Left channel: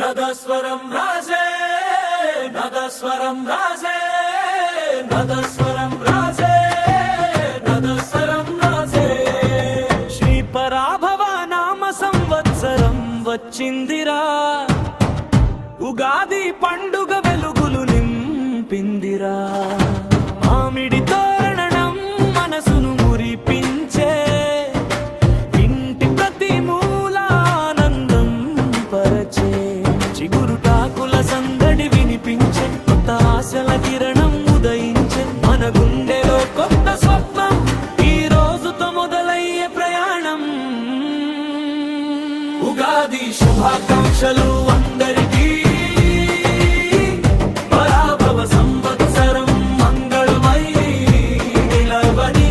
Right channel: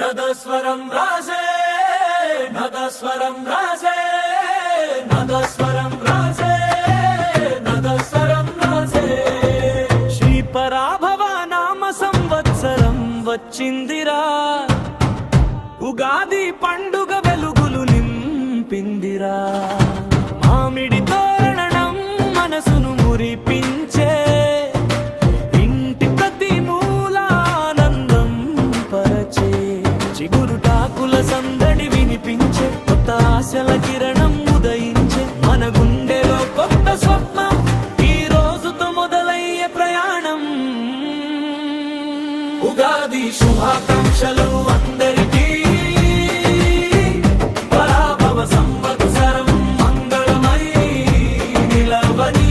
నదస్వరం రాజే నదస్వరం రాజే నదస్వరం రాజే నదస్వరం రాజే శ్రీ పరాభవ నామ సంవత్సరం వచ్చిందిరా ఉగాది పండుగ వెలుగులు నింపిందిరా మామిడి తోరణం మనసును మురిపించే ఇంటి ప్రతి మూల ఆనందం పరచే చిగురుటాకుల సందడి వినిపించే కొత్త ఆశల కిరణం ఉదయించే మన గుండెలో కొత్త స్వప్నం ఈ రోజుతో మొదలయ్యే ప్రయాణం ఉగాది శుభాకాంక్షలు అందరికీ పరాభవ సంవత్సరం మంగళమై నిలవని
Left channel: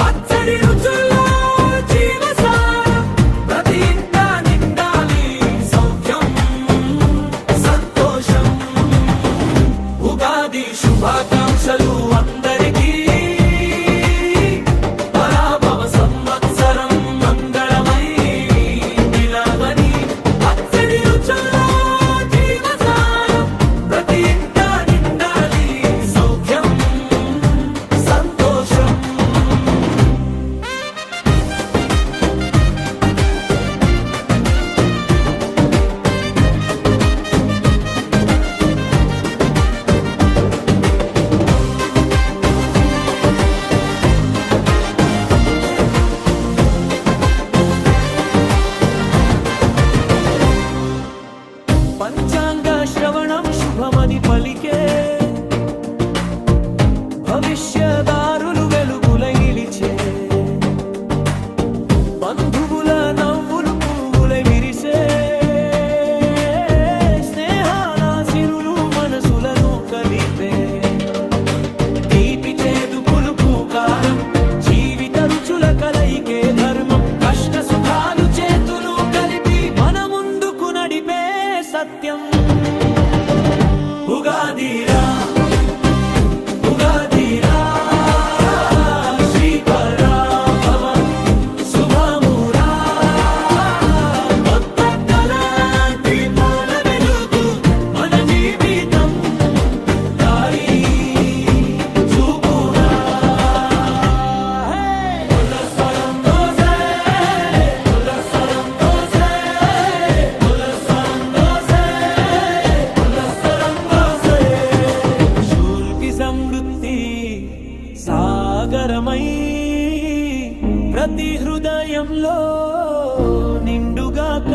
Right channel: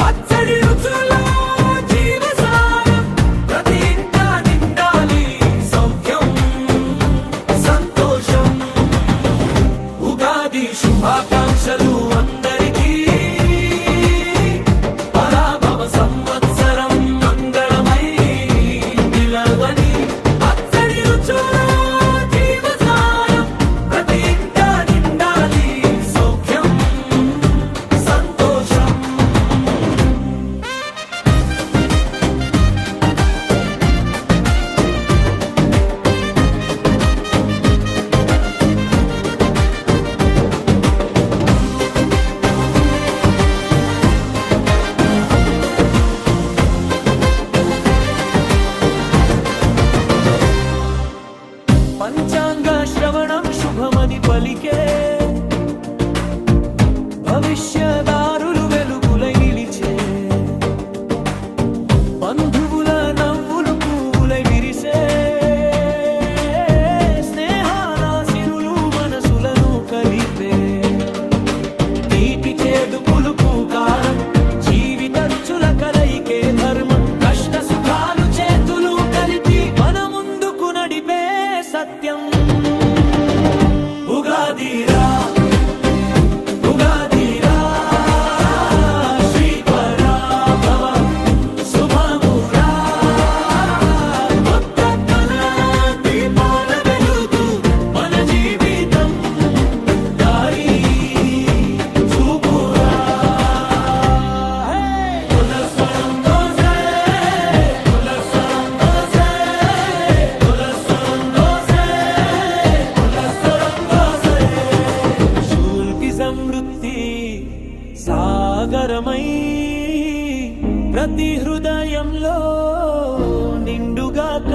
పచ్చడి రుచుల్లో జీవసారం ప్రతి ఇంట నిండాలి సౌఖ్యం సంతోషం ఉగాది శుభాకాంక్షలు అందరికీ పరాభవ సంవత్సరం మంగళమై నిలవని పచ్చడి రుచుల్లో జీవసారం ప్రతి ఇంట నిండాలి సౌఖ్యం సంతోషం పంచాంగ శ్రవణం శుభమని పలికే భవిష్యదారులు వెలుగులై నిలిచే బంధువుల నవ్వులు పువ్వులై విరిసే స్నేహాల సిరులు మనసులను కలిపే తీపి చేదు పులుపు కారం జీవిత రుచుల కలయికే ధర్మం కష్ట సుఖాలు చేతులు కలిపి మన ముందుకు నడిపే సత్యం ఉగాదిరా ఉగాదిరా శ్రీ పరాభవ శుభమురా కొత్త కళ దీపాల వెలుగు మన జీవితం దారి చూపురా పులస్వరం దోసే పులస్వరం దోసే పులస్వరం దోసే పులస్వరం దోసే శూల్కి సమృద్ధి సాగరమై ప్రతి హృదయంలో నిండుగాక